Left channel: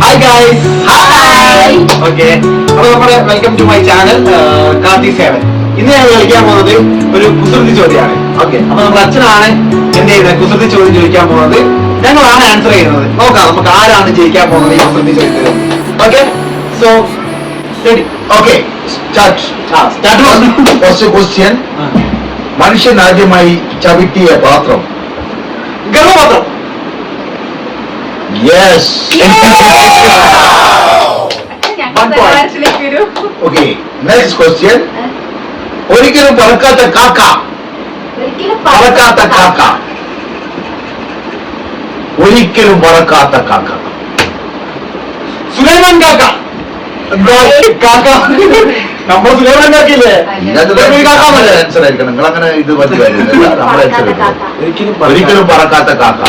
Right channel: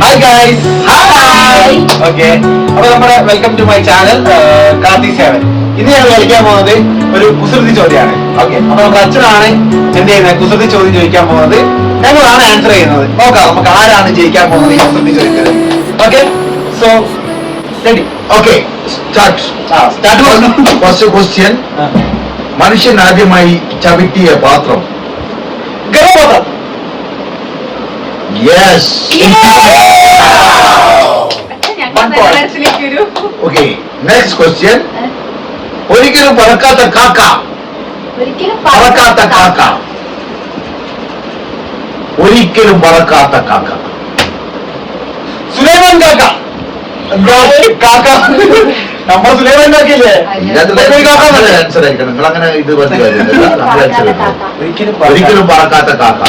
Hi guys. Hi. Okay. അപ്പോൾ നമ്മുടെ welcome to my channel Karthi 7. ഇന്ന് ഞാൻ കളിക്കാൻ പോകുന്നത് ഒരു കുസൃതി ചോദ്യമാണ്. ഓക്കെ. അപ്പോൾ നമ്മുടെ അച്ഛനാണ് എന്ത് ചെയ്യുന്നത് കുസൃതി ചോദ്യം ചോദിക്കാൻ പോകുന്നത്. ഞങ്ങളാണ് ആൻസർ ചെയ്യുന്നത്. നോക്കാം നമുക്ക് ആരാണ് ജയിക്കാൻ പോകുന്നത് ഈ കുസൃതി ചോദിക്കുന്നത്. Okay. So ready. Okay. Start. First question. മനുഷ്യൻ ആദ്യമായി ചവിട്ടിയ പാത്രം. ഗർഭപാത്രം. Yes. Okay. Next question. ഒരിക്കലും പറക്കാത്ത കാക്ക. പറക്കാത്ത കാക്ക. ഒരിക്കലും പറക്കാത്ത കാക്ക. സുലൈമാൻ കാക്ക. കാക്ക നമ്മൾ സുലൈമാൻ കാക്കയില്ലേ? ആൻസർ ആയിരിക്കണം. നിങ്ങൾ അങ്ങനെ ഇത് പറഞ്ഞ കാര്യമില്ല. നമ്മൾ ആൻസർ ഒരിക്കലും പറക്കാത്ത കാക്ക.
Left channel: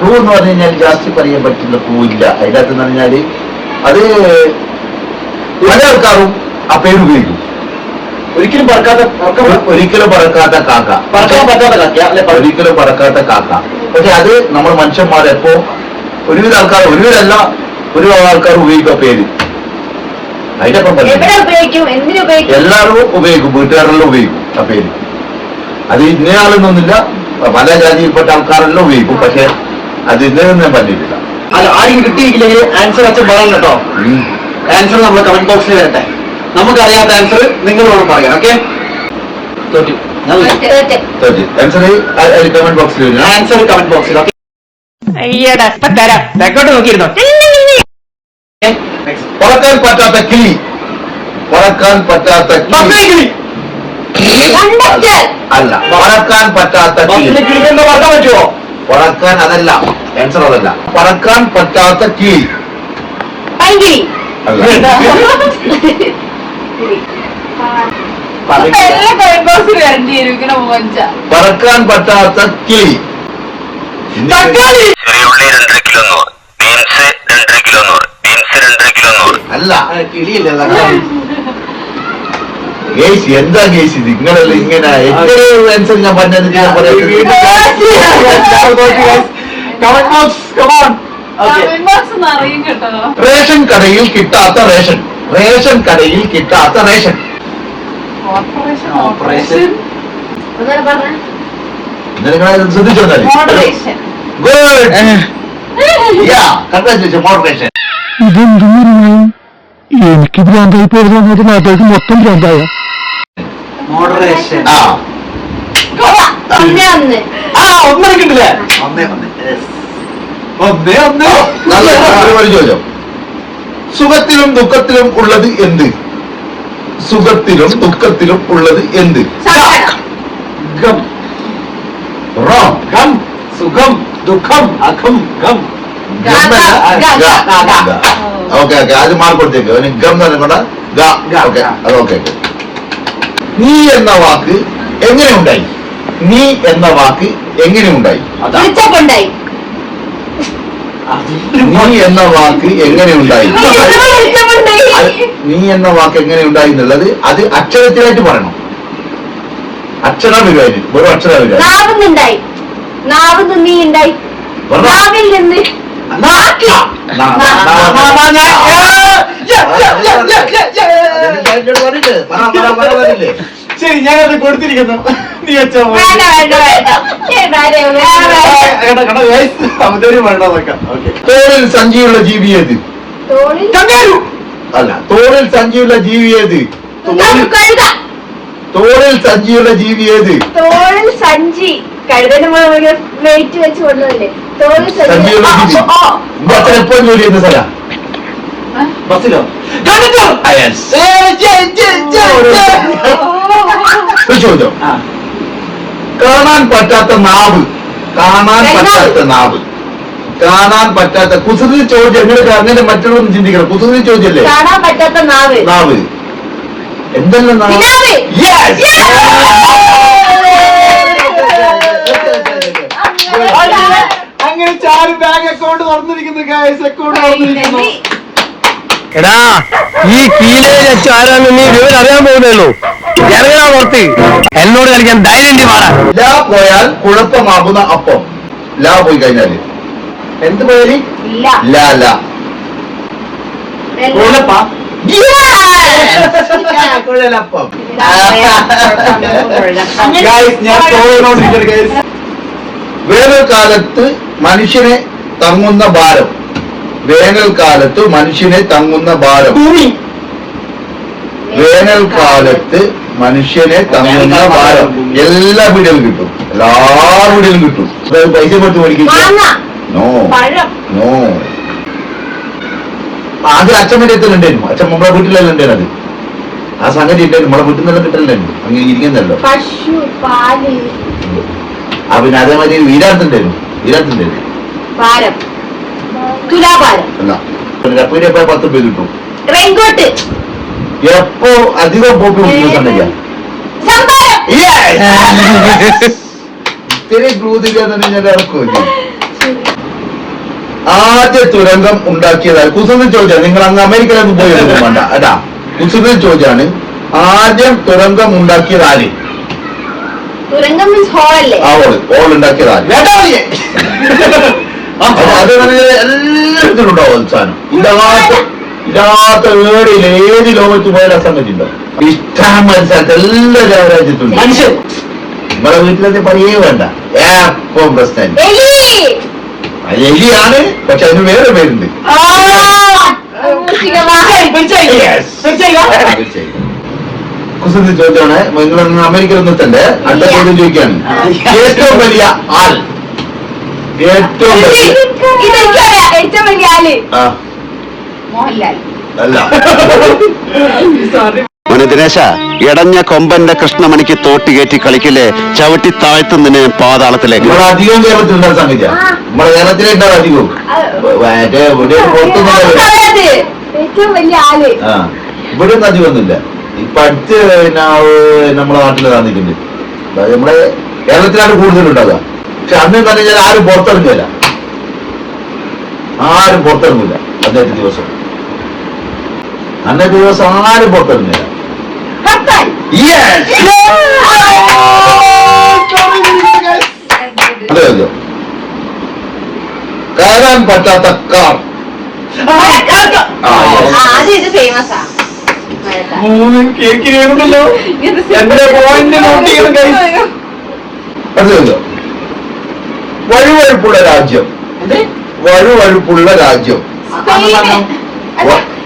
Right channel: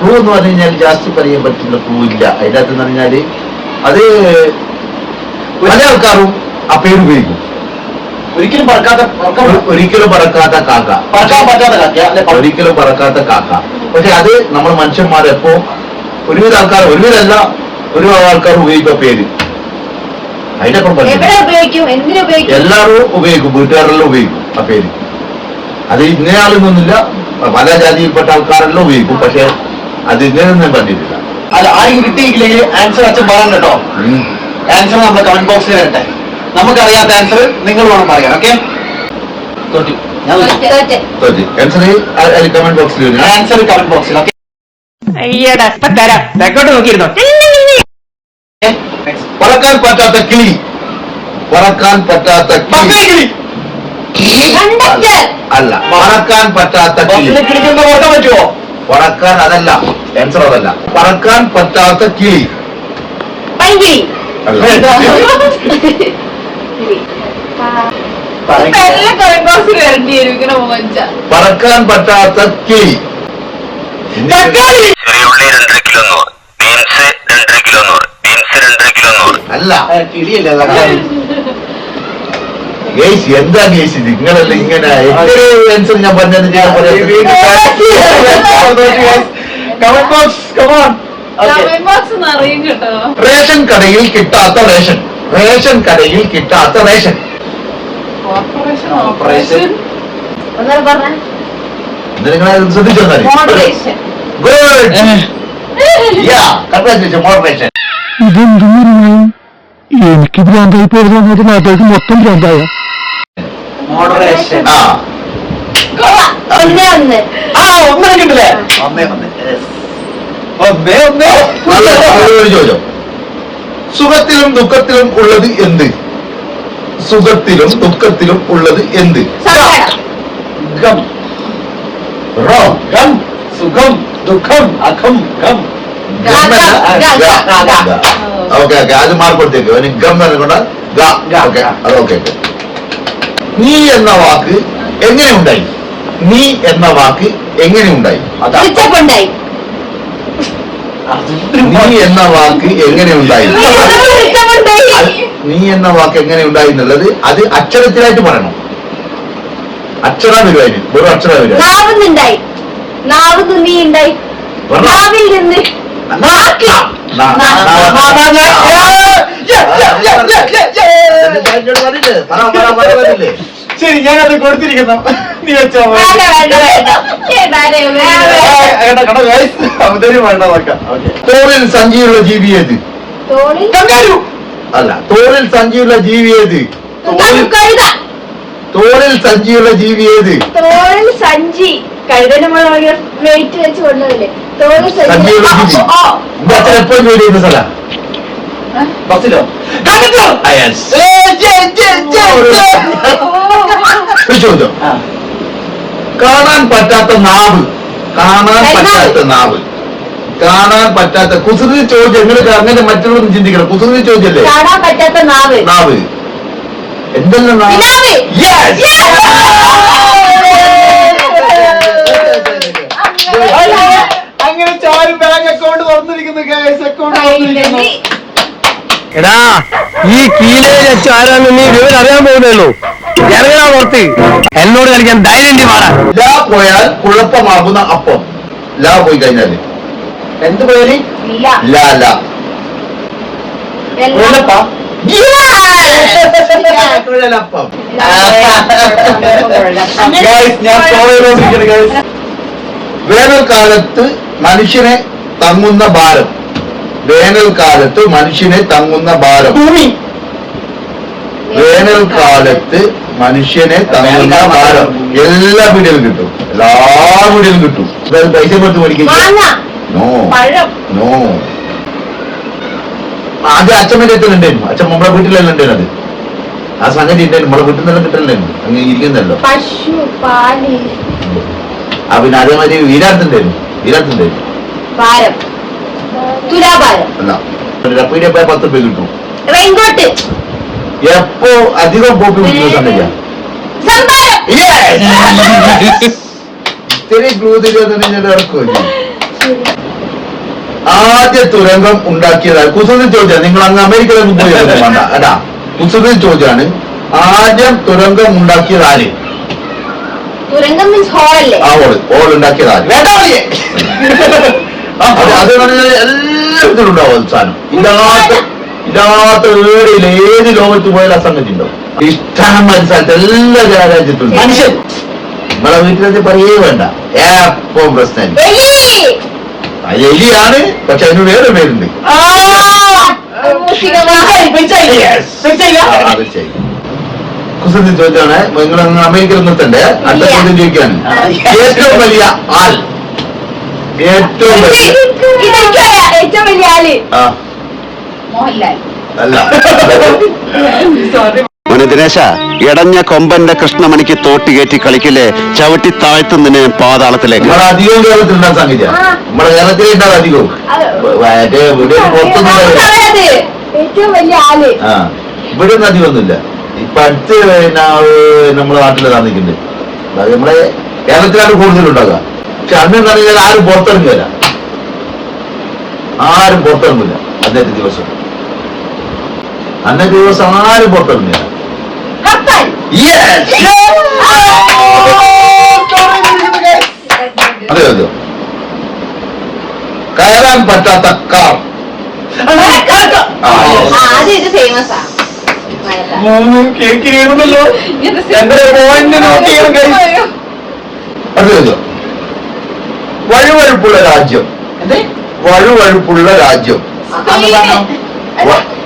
പൂ എന്ന് പറഞ്ഞു കഴിഞ്ഞാൽ ജാസ്തി പറയാൻ പറ്റുന്ന പൂവില്ല. അതിൻ്റെ അകത്തെന്ന് പറഞ്ഞാല് അത് പല ആൾക്കാരും ആ പേര് ഉപയോഗിക്കും. ഒരിക്കലും പറക്കാത്ത ഒരിക്കലും പറക്കാത്ത കാക്ക. പറക്കാൻ പറ്റാത്ത കാക്ക. ഒരിക്കലും പറക്കാത്ത കാക്ക. പക്ഷെ അത് നമ്മൾ മനുഷ്യന്മാരെപ്പോ ഒരുവിധ ആൾക്കാർ, ഒരുവിധമല്ല ഒരു ആൾക്കാർ ഉപയോഗിക്കുക പേര്. അതിനപ്പം എല്ലാവരും ഉപയോഗിക്കും, വീട്ടുകാരെല്ലാം ഉപയോഗിക്കും ആ പേര്. അത് ഇന്നയാളെന്നൊന്നുമില്ല, പല ജാതിയിൽപ്പെട്ട ആൾക്കാരെല്ലാം ഉപയോഗിക്കും. പക്ഷെ അത് ഇന്നൊന്നും പറ്റിയിട്ടില്ല. അല്ല, ആരെങ്കിലും കിട്ടിയില്ലെങ്കിൽ ആൻസർ അച്ഛൻ പറയാൻ കേട്ടോ. ആൻസർ നമ്മൾ കമന്റ് ബോക്സിൽ വരട്ടെ. നമുക്കറിയാത്ത ആൻസർ നിങ്ങൾ വേണം പറയാൻ. ഓക്കെ, ആൻസർ കമന്റ് ബോക്സിൽ വരും. ആൻസർ കമന്റ് ബോക്സിൽ. ഓക്കെ, തെക്കോട്ട് നോക്കിയിരുന്നോ? പറക്കാൻ പറ്റാത്ത കിളി. പറക്കാൻ പറ്റാത്ത കിളി അല്ല, പറക്കാൻ പറ്റാത്ത കിളി. കിളി എന്താ പറക്കാൻ പറ്റുമോ? പറക്കാൻ അതല്ല, ആൻസർ അതല്ല. പറക്കാൻ പറ്റാത്ത കിളി അല്ല. പറക്കാൻ പറ്റാത്ത കിളി. അല്ല, ഗേസ് എന്താ ഗേസ് ഇത്? നിങ്ങളല്ല ഇങ്ങനെ എത്രയോ ആൻസർ ഞാൻ പറഞ്ഞത്. റേഷൻ കടയിൽ കിട്ടാത്ത റേഷൻ. റേഷൻ കടയിൽ കിട്ടാത്ത റേഷൻ. നിങ്ങൾ ശ്രദ്ധിച്ചോ? ഗുഡ്. കൺഗ്രാറ്റുലേഷൻ. മോഡറേഷൻ. എനിക്ക് ഭ്രാന്തായി പോയതെന്ന് നാട്ടുകാർക്ക് മൊത്തം ഭ്രാന്തായ. മോഡറേഷൻ. ഒരു ചോദ്യം. സുഖത്തിലും ദുഃഖത്തിലും ഉള്ളത് എന്ത്? സുഖത്തിലും ദുഃഖത്തിലും ഉള്ളത് എന്ത്? ഗം. റോങ്. ഗം, സുഖം, ദുഃഖം, അഖം, ഗം. ഓക്കെ ഓക്കെ, അത് മാർക്ക് കൊടുത്തേക്ക്. അവന് ഗം പറഞ്ഞുകൊണ്ട ഓക്കെ, അത് ഓക്കെ. നീ എന്ന വാക്ക് എങ്ങനെ ഉണ്ടായി? നീ എന്ന വാക്ക് എങ്ങനെ ഉണ്ടായി? നീ എന്ന വാക്ക് എങ്ങനെ ഉണ്ടായി? നീ എന്ന വാക്ക് എങ്ങനെ ഉണ്ടായി എന്നുള്ളത് അത് അക്ഷരത്തിലായിട്ട് പറയണം. അക്ഷര വരുവായി, വെറും അക്ഷര വരുവായി. ശരി, ഞാനത് കൊടുത്തിരിക്കുന്നു. നീ വെച്ചോ. തോളിൽ സഞ്ചിയുള്ള ജീവി ഏത്? അല്ല, തോളിൽ സഞ്ചിയുള്ള ജീവി ഏത്? തോളിൽ സഞ്ചിയുള്ള ജീവി ഏത്? സഞ്ചി കഴുതന്റെ വെയിറ്റ് വെച്ച് കൊണ്ടുവല്ലേ? സഞ്ചിയുള്ള ജീവി. എന്റെ അച്ഛൻ എപ്പോഴും ജോലി ചെയ്യുന്ന സ്ഥലം ബസ്സിലോ? ചോദ്യം. കാണാൻ പറ്റാത്ത നാവ്. കാണാൻ പറ്റാത്ത നാവ്. കാണാൻ പറ്റാത്ത കുസൃതി ചോദ്യം. നിങ്ങൾ അങ്ങനെ മറ്റുള്ളൊന്നും ചിന്തിക്കണം. കുസൃതി ചോദ്യല്ലേ? കാണാൻ പറ്റാത്ത നാവ്. നാവ് എന്തെല്ലാം നാവ്? അങ്ങനെ ചാരി ബാങ്ക് അക്കൗണ്ട് തുറന്നിരിക്കുന്നു. അക്കൗണ്ട് എടാ, ഈ കീലയിൽ വെച്ച് ആരാന്ന് നീ വിവരം അറിയാൻ പോകുന്നുള്ളൂ. ഇറങ്ങാ പുറത്ത്. എന്നോട് കളിക്കാൻ ധൈര്യം മാറാൻ. ലാ പോയാൽ കുഴപ്പമാകുന്ന അപ്പം. ലാ പോയി കഴിഞ്ഞാല് എന്ത് പോയാലി? ഇല്ല. ഇല്ല അല്ല. കൊള്ളപ്പാ. കുഴലപ്പം. Guys, ഞാൻ ചോദിച്ചോണ്ടിരിക്കുന്നു guys. വേനൽക്കാലത്ത് മനുഷ്യനെ തങ്ങുന്ന ഭാരം. വേനൽക്കാലത്ത് മനുഷ്യനെ തങ്ങുന്ന ഭാരം. ഭൂമി. വേനൽക്കാലത്ത് മനുഷ്യനെ തങ്ങുന്ന ഭാരം. എല്ലാ വീടിലും കിട്ടും, എല്ലാ വീടിലും കിട്ടും. പൈസ കൊടുത്ത് മേടിക്കില്ല. മാങ്ങ, നോ പഴം, നോ. ആദ്യം അച്ഛമ്മന്റെ അടുത്ത് ഉണ്ടായിരുന്നു. അച്ഛൻ നമ്മളെ വീട്ടിലെല്ലാം ഉണ്ടായിരുന്നു. അത് ആ സംഗതി ഉണ്ടായിരുന്നു. നമ്മളെ വീട്ടിൽ നിന്നെല്ലാം കിട്ടലുണ്ടായിരുന്നു. അങ്ങനെ ഇരിക്കുന്നല്ലോ. പശു, പാല്, പിന്നെ അതേമാതിരി വീരാത്തുണ്ടായിരുന്നു. വീരാത്തുണ്ടായിരുന്നു ഭാരം, തുലാഭാരം, അല്ല പീടിയ പോയ 10 രൂപ കിട്ടും. റെയിൻകോട്ട്, എപ്പോ അധികം പോപ്പി കുടിക്കുന്ന സംഗതിയാ. സംഭാരം. ഇത്തിരി ഇറക്കുമോ? ആദ്യ തുരങ്കം ഉണ്ടാക്കിയതായി കുസൃതി ചോദ്യം. നിങ്ങൾ അങ്ങ് അമേരിക്കയിലൊന്നും പോയി വേണ്ട അതാ. കുസൃതി ചോദ്യമാണ്. ആദ്യം തുരങ്കം ഉണ്ടാക്കിയത് ആര്? തുരങ്കം മീൻസ് ഹോളല്ലേ? ആ ഓൾ ഉണ്ടാക്കിയത് ആര്? വേണ്ടാളിയെ. അത് എല്ലാത്തിനും ഉണ്ടാവും അവസാനം. ഇല്ലാത്ത ഏടിയിൽ ഏത് ലോകത്ത് പോയാലും ആ സംഗതി ഉണ്ടാവും. ഇഷ്ടം മനസ്സിലാക്കി എല്ലാ രാജ്യത്തുണ്ട്. മനുഷ്യൻ. നിങ്ങളെ വീട്ടിലത് പറയേ വേണ്ട. എപ്പം പ്രശ്നം എലി. എലിയാണ്. പക്ഷെ അതിന് വേറെ പേരുണ്ട്. കുസൃതി ചോദ്യമാണ്. നിങ്ങൾ അമേരിക്കയിൽ നിർത്തണ്ടേ. അടുത്ത ചോദ്യം ചോദിക്കാണ്. ഏറ്റവും വലിയ ആൾ. ഏറ്റവും വലിയ ഏറ്റവും വലിയ ആള് ആ മോഹൻലാൽ. അല്ല. മോനെ ദിനേശ, ഇടഞ്ഞ കൊമ്പന്റെ കൃഷ്ണമണിക്ക് തോട്ടി കയറ്റി കളിക്കില്ലേ, ചവിട്ടി താഴ്ത്തുന്നതിന് പാതാളത്തിലേക്ക്. നമ്മളെ അധികവും കേരളത്തിലുണ്ടാകുന്ന സംഗതിയാ. നമ്മളെ കേരളത്തിലേ ഉണ്ടാവും അധികവും. ഇവിടെ പുറത്തൊന്നും ഏറ്റവും വലിയ ആള്. ആ ഇവിടെ ഒന്നും അധികമൊന്നുമില്ല. ഇപ്പൊ അടുത്ത് നമ്മളെ നാട്ടിൽ താമസിക്കുന്നുണ്ട്. നമ്മളെ കേരളത്തിലാണ് കൂടുതലുണ്ടാകുക. പക്ഷെ അന്ന് എന്ന് പറഞ്ഞാൽ ആരും പുറത്തിറങ്ങില്ല. ആരും പുറത്തിറങ്ങില്ല അന്നത്തെ ദിവസം. അന്നത്തെ ദിവസം ആരും പുറത്തിറങ്ങില്ല. കപ്പൽ. അതെ അതെ. കയറാൻ പറ്റാത്ത കാർ. അത് ഇത് ഫേമസ് ആ. കേൾക്കില്ലല്ലോ. എന്റെ പോയിന്റ് നോട്ട് ചെയ്യണം guys. അതെ അതെ. വഴുവഴുപ്പുള്ള രാജ്യം. വഴുവഴുപ്പുള്ള രാജ്യം.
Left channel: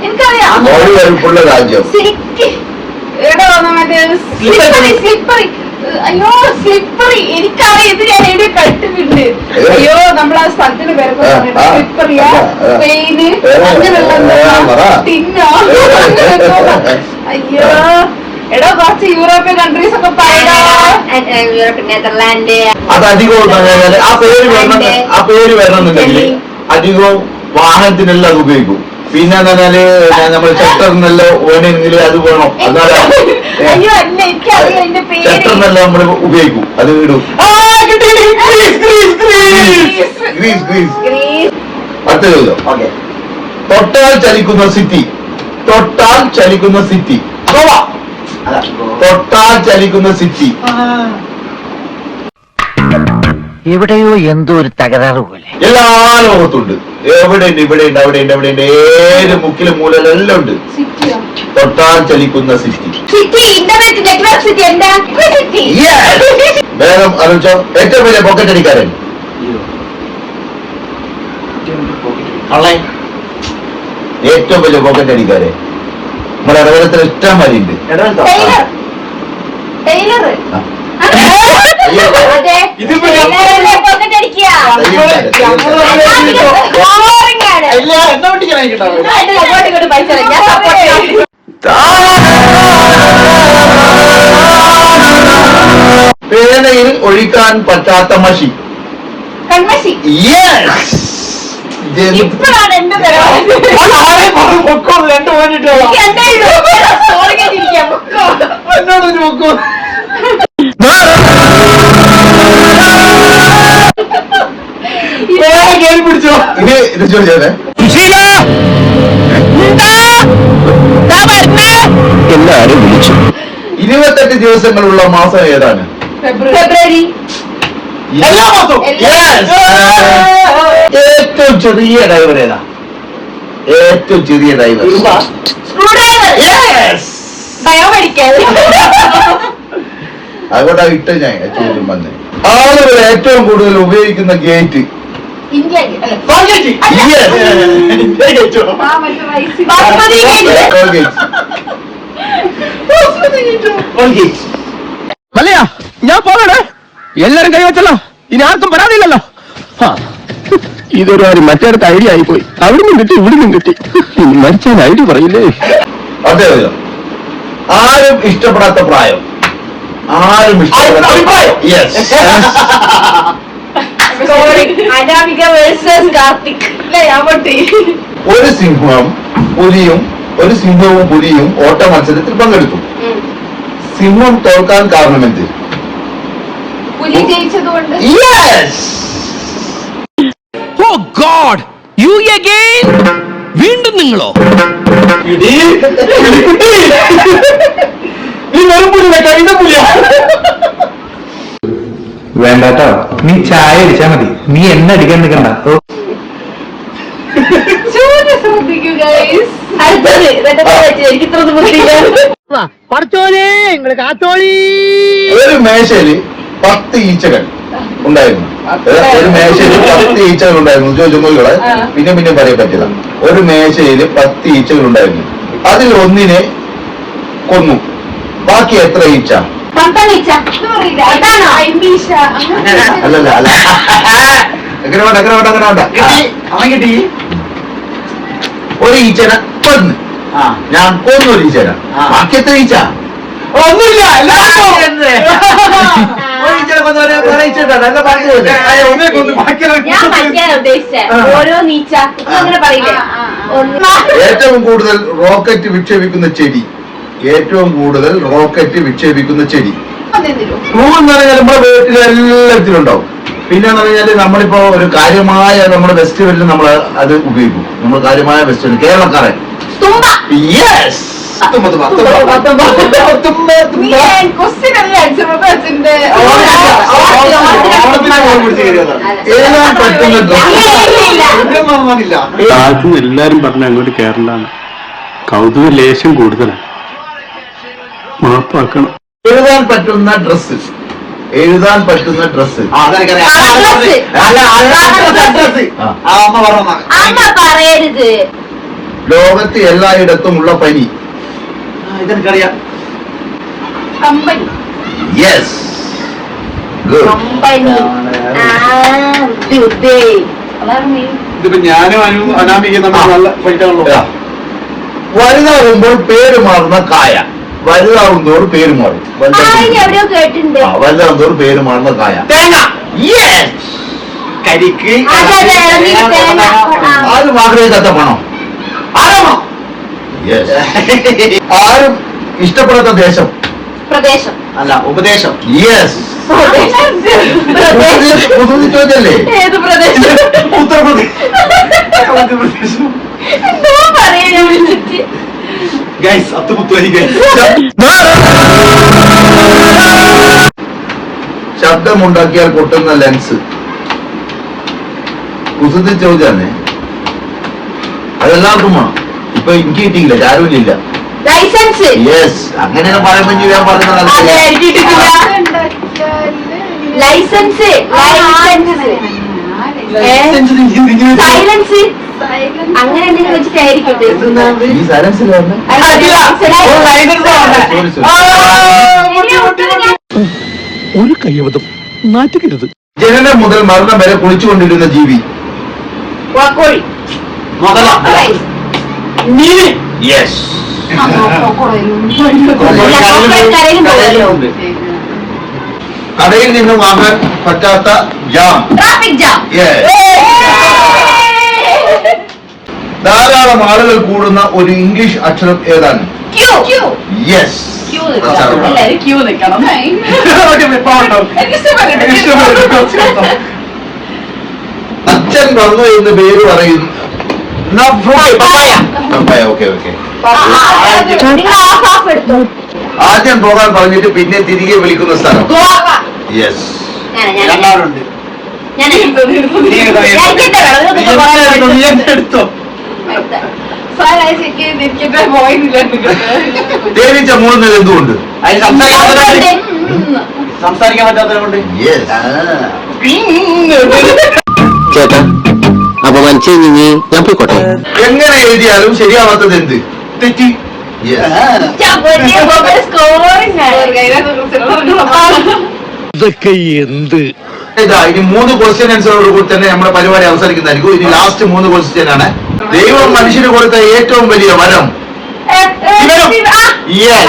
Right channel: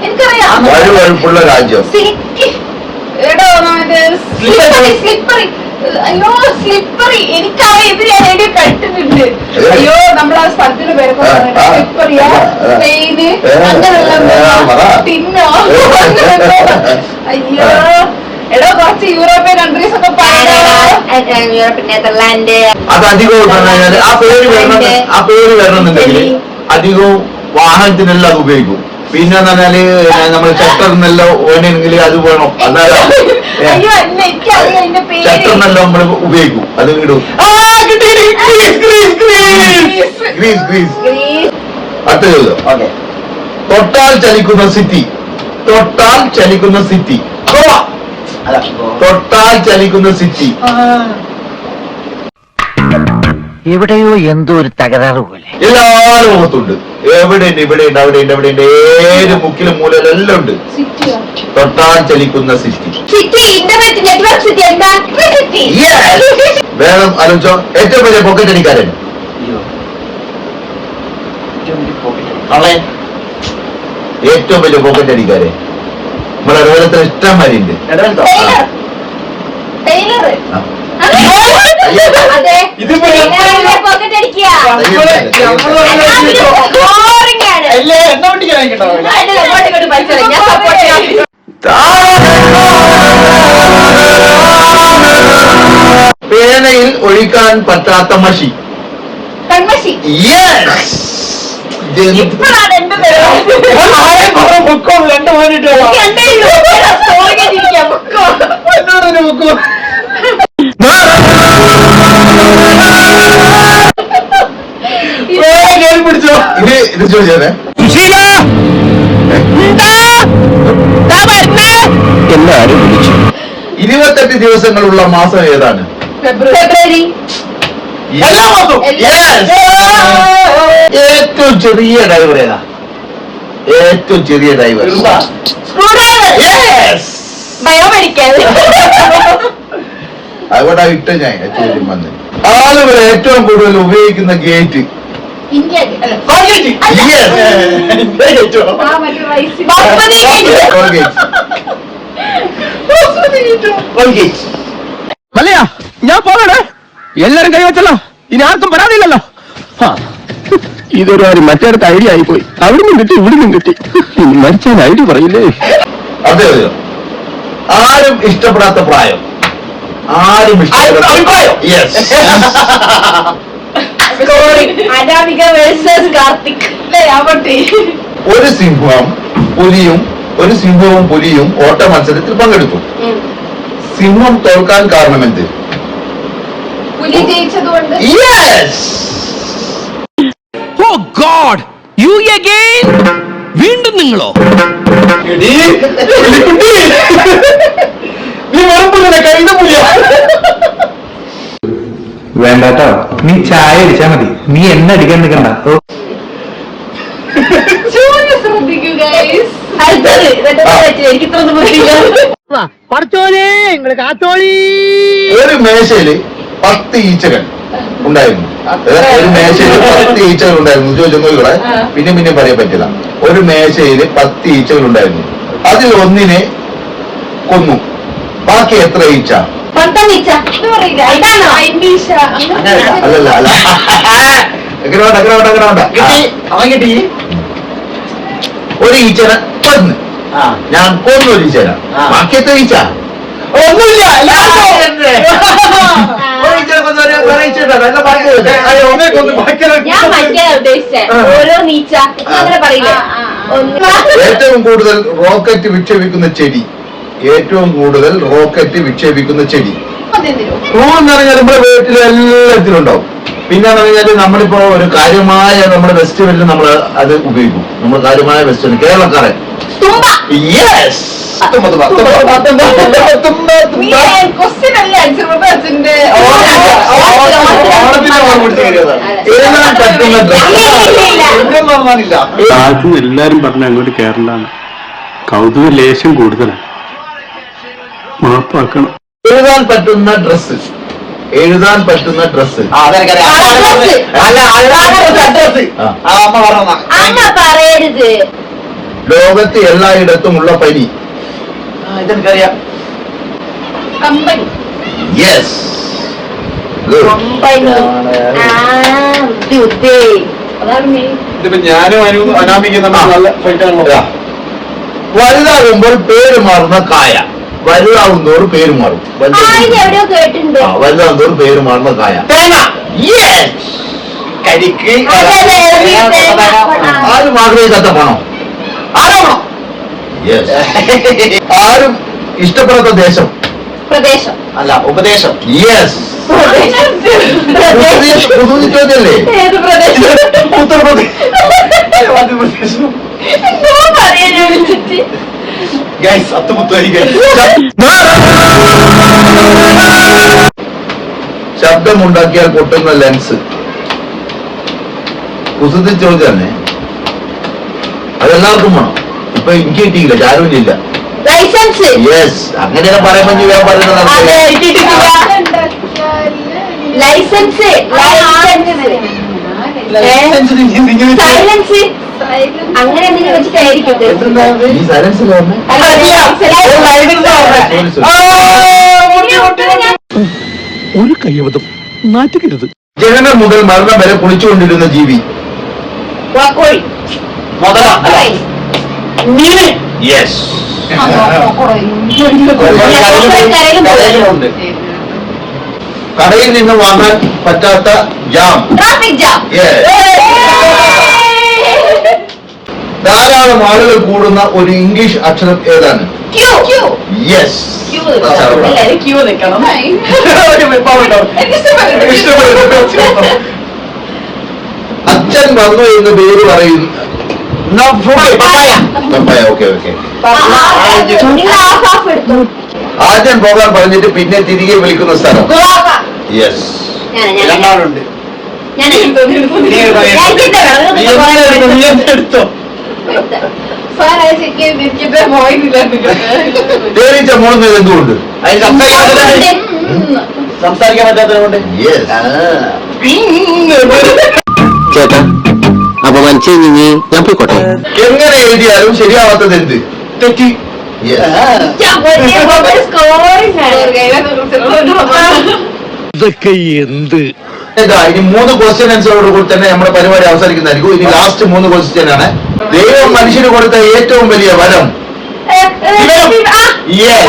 എനിക്കറിയാം. വഴുവഴുപ്പുള്ള രാജ്യം. സ്ലിപ്പറി. അയ്യോ സ്ലിപ്പറി. എനിക്കറിയാം. ഇത് ഞാൻ എവിടെ കണ്ടിട്ടുണ്ട്. അയ്യോ നമ്മളാ സ്ഥലത്തിന് പേരൊക്കെ സ്ലിപ്പറിയാ, സ്പെയിന്, അങ്ങനെയുള്ള പിന്നോ. അയ്യോ എടാ കുറച്ച് യൂറോപ്യൻ കൺട്രീസ് ഒക്കെ നെതർലാൻഡ്. അത് അധികവും ആ പേര് വരണമെന്നുണ്ടെങ്കിൽ അധികവും വാഹനത്തിനെല്ലാം അത് ഉപയോഗിക്കും. പിന്നെ എന്താ പറഞ്ഞാല് നമ്മൾ ചട്ടറിനെല്ലാം വേണമെങ്കിൽ അത് വേണം. അയ്യോ അല്ല എനിക്കറിയാം എന്റെ പേര്. ചട്ടറിനെല്ലാം നമ്മൾ ഉപയോഗിക്കും. അത് ഇടും. Grease grease. അടുത്ത ചോദ്യം. ഓക്കെ. തൊട്ടാൽ ചലിക്കുന്ന സിറ്റി. തൊട്ടാൽ ചലിക്കുന്ന സിറ്റി. ഗോവ. അല്ല തൊട്ടാൽ ചലിക്കുന്ന സിറ്റി. എവിടെയോ എന്തോ ഒരു തകരാറ് പോലെ. എല്ലാ ലോകത്തുണ്ട്. എവിടെയുണ്ട്, ഇവിടെയുണ്ട്, അവിടെയുണ്ട്, അവിടെയുണ്ട്. ഏത് മുക്കിലും മൂലയിലെല്ലാം ഉണ്ട്. തൊട്ടാൽ ചലിക്കുന്ന city. City internet network city. എന്താ സിറ്റി? വേണം ആലോചിച്ചോ. ഏറ്റവും വലിയ പോക്കറ്റ് അടിക്കാരൻ. ഏറ്റവും വലിയ പോക്കറ്റ് അടിക്കാരൻ നമ്മുടെ ഇടവലത്തിൽ ഇഷ്ടം വരെയുണ്ട്. ടൈലർ. അതെ. ഇതിപ്പോ പോക്കറ്റ് അടിക്കുക. എന്നാ പറ്റിക്കാനായിട്ടോ. അങ്ങോട്ട് പൈസ ഞാൻ സപ്പോർട്ട് ചെയ്യാം. പേനയിൽ ഒഴിക്കാൻ പറ്റാത്ത മഷി. കൺമഷി. ഇപ്പോഴാണ് എന്റെ പിടിച്ചോ. ഇത് ചോദിച്ചേ എല്ലാരും വിളിച്ചു. 28 ദിവസങ്ങളുള്ള മാസം ഏതാണ്? ഫെബ്രുവരി. എല്ലാ മാസവും ഏറ്റവും ചെറിയ ഡ്രൈവർ ഏതാ? ഏറ്റവും ചെറിയ ഡ്രൈവർ സ്ക്രൂ ഡ്രൈവർ, ബയോമെഡിക്കൽ, അതുകൊണ്ടാ ഇട്ട ഞാൻ ചോദ്യം വന്ന്. ആളുകൾ ഏറ്റവും കൂടുതൽ ഉപയോഗിക്കുന്ന ഗേറ്റ് ഇന്ത്യ അല്ല, കോൺഗ്രസ്. ബാസ്മതി ഗേറ്റ്. മല്ലയാ ഞാൻ പോകണേ, എല്ലാരും കൈവച്ചല്ലോ, ഇനി ആർക്കും പരാതിയില്ലല്ലോ. ഇതൊരു കാര്യം മറ്റേടത്ത് ഐഡിയ ആയിപ്പോയി, അവിടുന്ന് കിട്ടി ഇവിടുന്നും കിട്ടി, ഇനി മരിച്ചാൽ ഐഡിയ പറയില്ലേ. അതെ അതെ. ആരും ഇഷ്ടപ്പെടാത്ത പ്രായം, ആരും അഭിപ്രായം. അനാമിക വേഴ്സസ് കാർത്തിക്. ഒരു സിംഹവും പുലിയും ഓട്ട മത്സരത്തിൽ പങ്കെടുത്തു. സിംഹം തോൽക്കാൻ കാരണമെന്ത്? പുലി ജയിച്ചതുകൊണ്ട്. ഓ ഗോഡ്, യു അഗൈൻ? വീണ്ടും നിങ്ങളോ? നീ വെറും പുലിയ, കഴിഞ്ഞ പുലിയ. വേണ്ടാട്ടോ, നീ ചായ അടിച്ചാ മതി, നീ എന്നെ അടിക്കാൻ നിൽക്കണ്ട. അടുത്തത് എനിക്ക് ഇത്ര ബുദ്ധിയില്ല. പഠിച്ചോലേ നിങ്ങള് കാത്തോളി. ഒരു മേശയില് 10 ഈച്ചകൾ ഉണ്ടായിരുന്നു. ഒരു മേശയില് 10 ഈച്ചകൾ ഉണ്ടായിരുന്നു. ചോദിച്ചോളെ, പിന്നെ പറയാൻ പറ്റില്ല. ഒരു മേശയില് 10 ഈച്ചകൾ ഉണ്ടായിരുന്നു. അതിൽ ഒന്നിനെ കൊന്നു. ബാക്കി എത്ര ഈച്ച? അല്ലല്ല അല്ല, അങ്ങനെ വേണ്ട. അവൻ കിട്ടി. ഒരു ഈച്ചനെ കൊന്ന്, ഞാൻ കൊന്നു ഒരു ഈച്ചനെ. ബാക്കി എത്ര ഈച്ച? ഒന്നുമില്ല. ഞാൻ മറ്റേ ഉദ്ദേശിച്ചേ ഓരോ നീച്ച അങ്ങനെ പറയില്ലേ. ഏറ്റവും കൂടുതൽ റോക്കറ്റ് വിക്ഷേപിക്കുന്ന ചെടി, ഏറ്റവും കൂടുതൽ റോക്കറ്റ് വിക്ഷേപിക്കുന്ന ചെടി. പൂ എന്ന് പറഞ്ഞാൽ നമ്മുടെ വീട്ടിൽ എല്ലാത്തിലും ഉണ്ടാവും. പിന്നെ എന്ന് പറഞ്ഞാല് നമ്മളിപ്പോ ഒരു കാര്യമായ നമ്മുടെ ഫെസ്റ്റിവലിൽ നമ്മൾ അത് ഉപയോഗിക്കും. നമ്മൾ കാര്യമായ ഫെസ്റ്റിവൽ കേരളക്കാരൻ. യെസ്, എഴുതാൻ പറ്റുന്ന ആദ്യം എല്ലാരും പറഞ്ഞ അങ്ങോട്ട് കേരളാണ്, കൗതുക ലേശം കൂടുതലാണ്, മാപ്പാക്കണം. എഴുതാൻ പറ്റുന്ന ഡ്രസ്സ്, എഴുതാൻ പറ്റുന്ന ഡ്രസ്സ്. അമ്മ പറയരുത്. ലോകത്ത് എല്ലായിടത്തുമുള്ള പനി. ഇതെനിക്കറിയാം. കമ്പനി. Yes, company. ഇതിപ്പോ ഞാനും അനാമിക നമ്മൾ നല്ല ഫൈറ്റാണല്ലോ. വലുതാകുമ്പോൾ പേര് മാറുന്ന കായ. വലുതാകുന്നതോട് പേര് മാറും. എവിടെയോ കേട്ടിട്ടുണ്ട്. വലുതാകുന്നതോട് പേര് മാറുന്ന കായ. തേങ്ങ. യെസ്, കരിക്ക്. ആരും ആഗ്രഹിക്കാത്ത പണം. ആരാമോ? യെസ്. ആരും ഇഷ്ടപ്പെടാത്ത ദേശം. പ്രദേശം. അല്ല, ഉപദേശം. യെസ്. പുതുതി ചോദ്യല്ലേ? ഏത് പ്രദേശം? ഉത്തർപ്രദേശ്. എന്തോ പറയാനാ വിളിച്ചിട്ട്. Guys, അത്തുമുത്തായി guys. ശബ്ദമുണ്ടാക്കിയാൽ പൊട്ടുന്ന ലെൻസ്. കുസൃതി ചോദ്യല്ലേ? അതെല്ലാവർക്കും വേണം. ഇപ്പൊ എനിക്ക് കിട്ടിയില്ല, ചാരുവില്ല. ലൈസൻസ്. യെസ്, അങ്ങനെയൊക്കെ പറയുമ്പോ ഞാൻ പറയുന്നത് അതെ, കിട്ടിയിട്ടില്ല. ലൈസൻസ്. സൈലൻസ്. അങ്ങനെ എന്തെങ്കിലും വെച്ചിട്ടായിരിക്കും. ഈ സൈലൻസിൽ ഒരു കയ്യബദ്ധം നാറ്റുകരുത്. ജനനം മുതൽ മരണം വരെ കുളിച്ചുകൊണ്ടിരുന്ന ജീവി. കോഴി. മുതല. മീന്. യെസ്. കടയിൽ നിന്ന് വാങ്ങാൻ പറ്റാത്ത ജാം. Traffic jam. ധാരാളം ആളുകൾ കൂടുന്ന ഒരു ഇംഗ്ലീഷ് അക്ഷരം ഏതാണ്? ക്യൂ. യെസ്. എല്ലാരും ക്യൂ നിൽക്കണം. അച്ഛൻ വന്നു എന്ന് പേര് പറയുന്നു. പപ്പായ. ഓക്കെ. ആദ്യം പോകാൻ പറഞ്ഞിട്ട് പിന്നെ തിരികെ വിളിക്കുന്ന സ്ഥലം. ഗോവ. യെസ്. രണ്ടാളുണ്ട്. ഞാൻ നീ എടുത്തോ, നീ എടുത്തോ. തേനീച്ച മൂളുന്നത് എന്തുകൊണ്ട്? അതിന് സംസാരിക്കാൻ പറ്റാത്തതുകൊണ്ട്. Yes. ചേട്ടാ അപ്പൊ മനസ്സിൽ ഞാൻ പോയിക്കോട്ടെ. എങ്ങനെ എഴുതിയാലും ശരിയാവാത്തത് എന്ത്? തെറ്റി. Yes. ഇതൊക്കെ എന്ത്? ഇതാ ഇനി 3 ക്വസ്റ്റ്യൻ ആൻസറോട് കൂടി തന്നെ നമ്മുടെ പരിപാടി അവസാനിക്കുന്നതായിരിക്കും. ഇനി ലാസ്റ്റ് 3 ക്വസ്റ്റ്യൻ ആണ്. ദൈവം മനുഷ്യന് കൊടുത്ത ഏറ്റവും വലിയ വരം. Yes.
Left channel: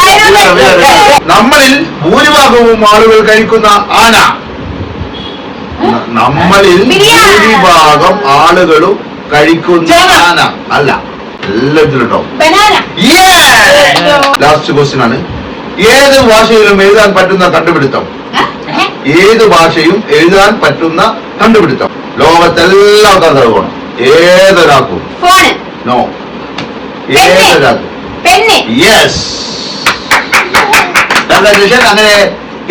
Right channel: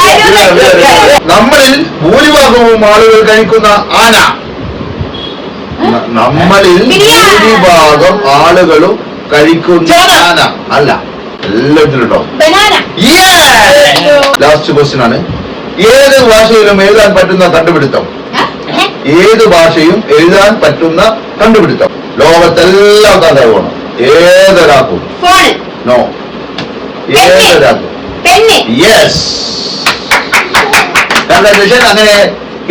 നമ്മളിൽ ഭൂരിഭാഗവും ആളുകൾ കഴിക്കുന്ന ആന. നമ്മളിൽ ഭൂരിഭാഗം ആളുകളും കഴിക്കുന്ന ആന അല്ല. എല്ലാത്തിലും കേട്ടോ. ലാസ്റ്റ് ക്വസ്റ്റ്യൻ ആണ്. ഏത് ഭാഷയിലും എഴുതാൻ പറ്റുന്ന കണ്ടുപിടുത്തം. ഏത് ഭാഷയും എഴുതാൻ പറ്റുന്ന കണ്ടുപിടുത്തം. ലോകത്തെല്ലാം കണ്ടുപോകണം. ഏതൊരാൾക്കും. നോ. ഏതൊരാൾക്കും. യെസ്. അങ്ങനെ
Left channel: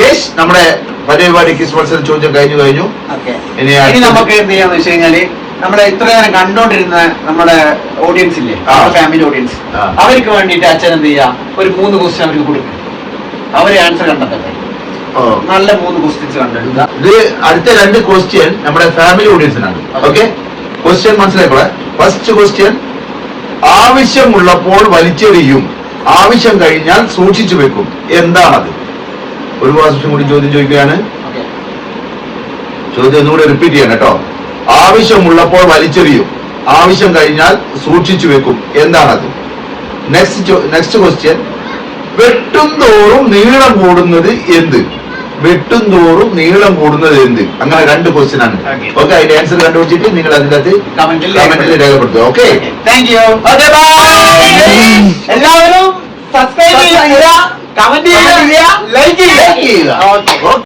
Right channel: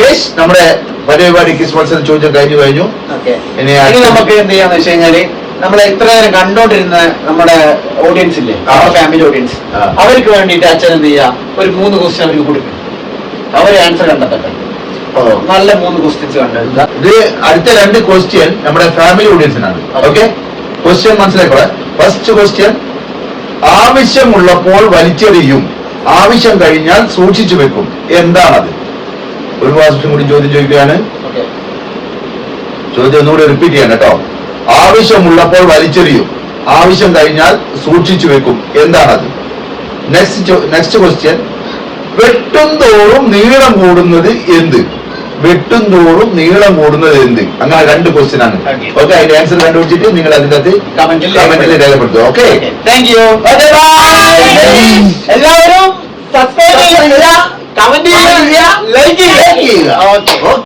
യെസ് നമ്മുടെ പരിപാടി കിസ് മത്സരം ചോദ്യം കഴിഞ്ഞു. ഇനി നമുക്ക് എന്ത് ചെയ്യാന്ന് വെച്ച് കഴിഞ്ഞാല് നമ്മളെ ഇത്ര നേരം കണ്ടോണ്ടിരുന്ന നമ്മുടെ ഓഡിയൻസ് ഇല്ലേ, ഫാമിലി ഓഡിയൻസ്, അവർക്ക് വേണ്ടിയിട്ട് അച്ഛൻ എന്ത് ചെയ്യാ, ഒരു 3 ക്വസ്റ്റ്യൻ അവർക്ക് കൊടുക്കും. അവര് ആൻസർ കണ്ടെത്തട്ടെ. നല്ല 3 ക്വസ്റ്റ്യൻസ് കണ്ടെത്തുക. ഇത് അടുത്ത 2 ക്വസ്റ്റ്യൻ നമ്മുടെ ഫാമിലി ഓഡിയൻസിനാണ്. ഓക്കെ, ക്വസ്റ്റ്യൻ മനസ്സിലാക്കുക. ഫസ്റ്റ് ക്വസ്റ്റ്യൻ, ആവശ്യമുള്ളപ്പോൾ വലിച്ചെറിയും, ആവശ്യം കഴിഞ്ഞാൽ സൂക്ഷിച്ചു വെക്കും, എന്താണത്? ഒരു പ്രാവശ്യം കൂടി ചോദ്യം ചോദിക്കുകയാണ്. ചോദ്യം ഒന്നുകൂടി റിപ്പീറ്റ് ചെയ്യാം കേട്ടോ. ആവശ്യമുള്ളപ്പോൾ വലിച്ചെറിയും, ആവശ്യം കഴിഞ്ഞാൽ സൂക്ഷിച്ചു വെക്കും, എന്താണത്? നെക്സ്റ്റ് ക്വസ്റ്റ്യൻ, വെട്ടും തോറും നീളം കൂടുന്നത് എന്ത്? വെട്ടും തോറും നീളം കൂടുന്നത് എന്ത്? അങ്ങനെ 2 ക്വസ്റ്റ്യൻ ആണ്. ഓക്കെ, അതിന്റെ ആൻസർ കണ്ടുപിടിച്ചിട്ട് നിങ്ങൾ അതിന്റെ അകത്ത് കമന്റിൽ രേഖപ്പെടുത്തുക. Okay, thank you. എല്ലാവരും സബ്സ്ക്രൈബ് ചെയ്യുക, കമന്റ് ചെയ്യുക, ലൈക്ക് ചെയ്യുക. ഓക്കെ.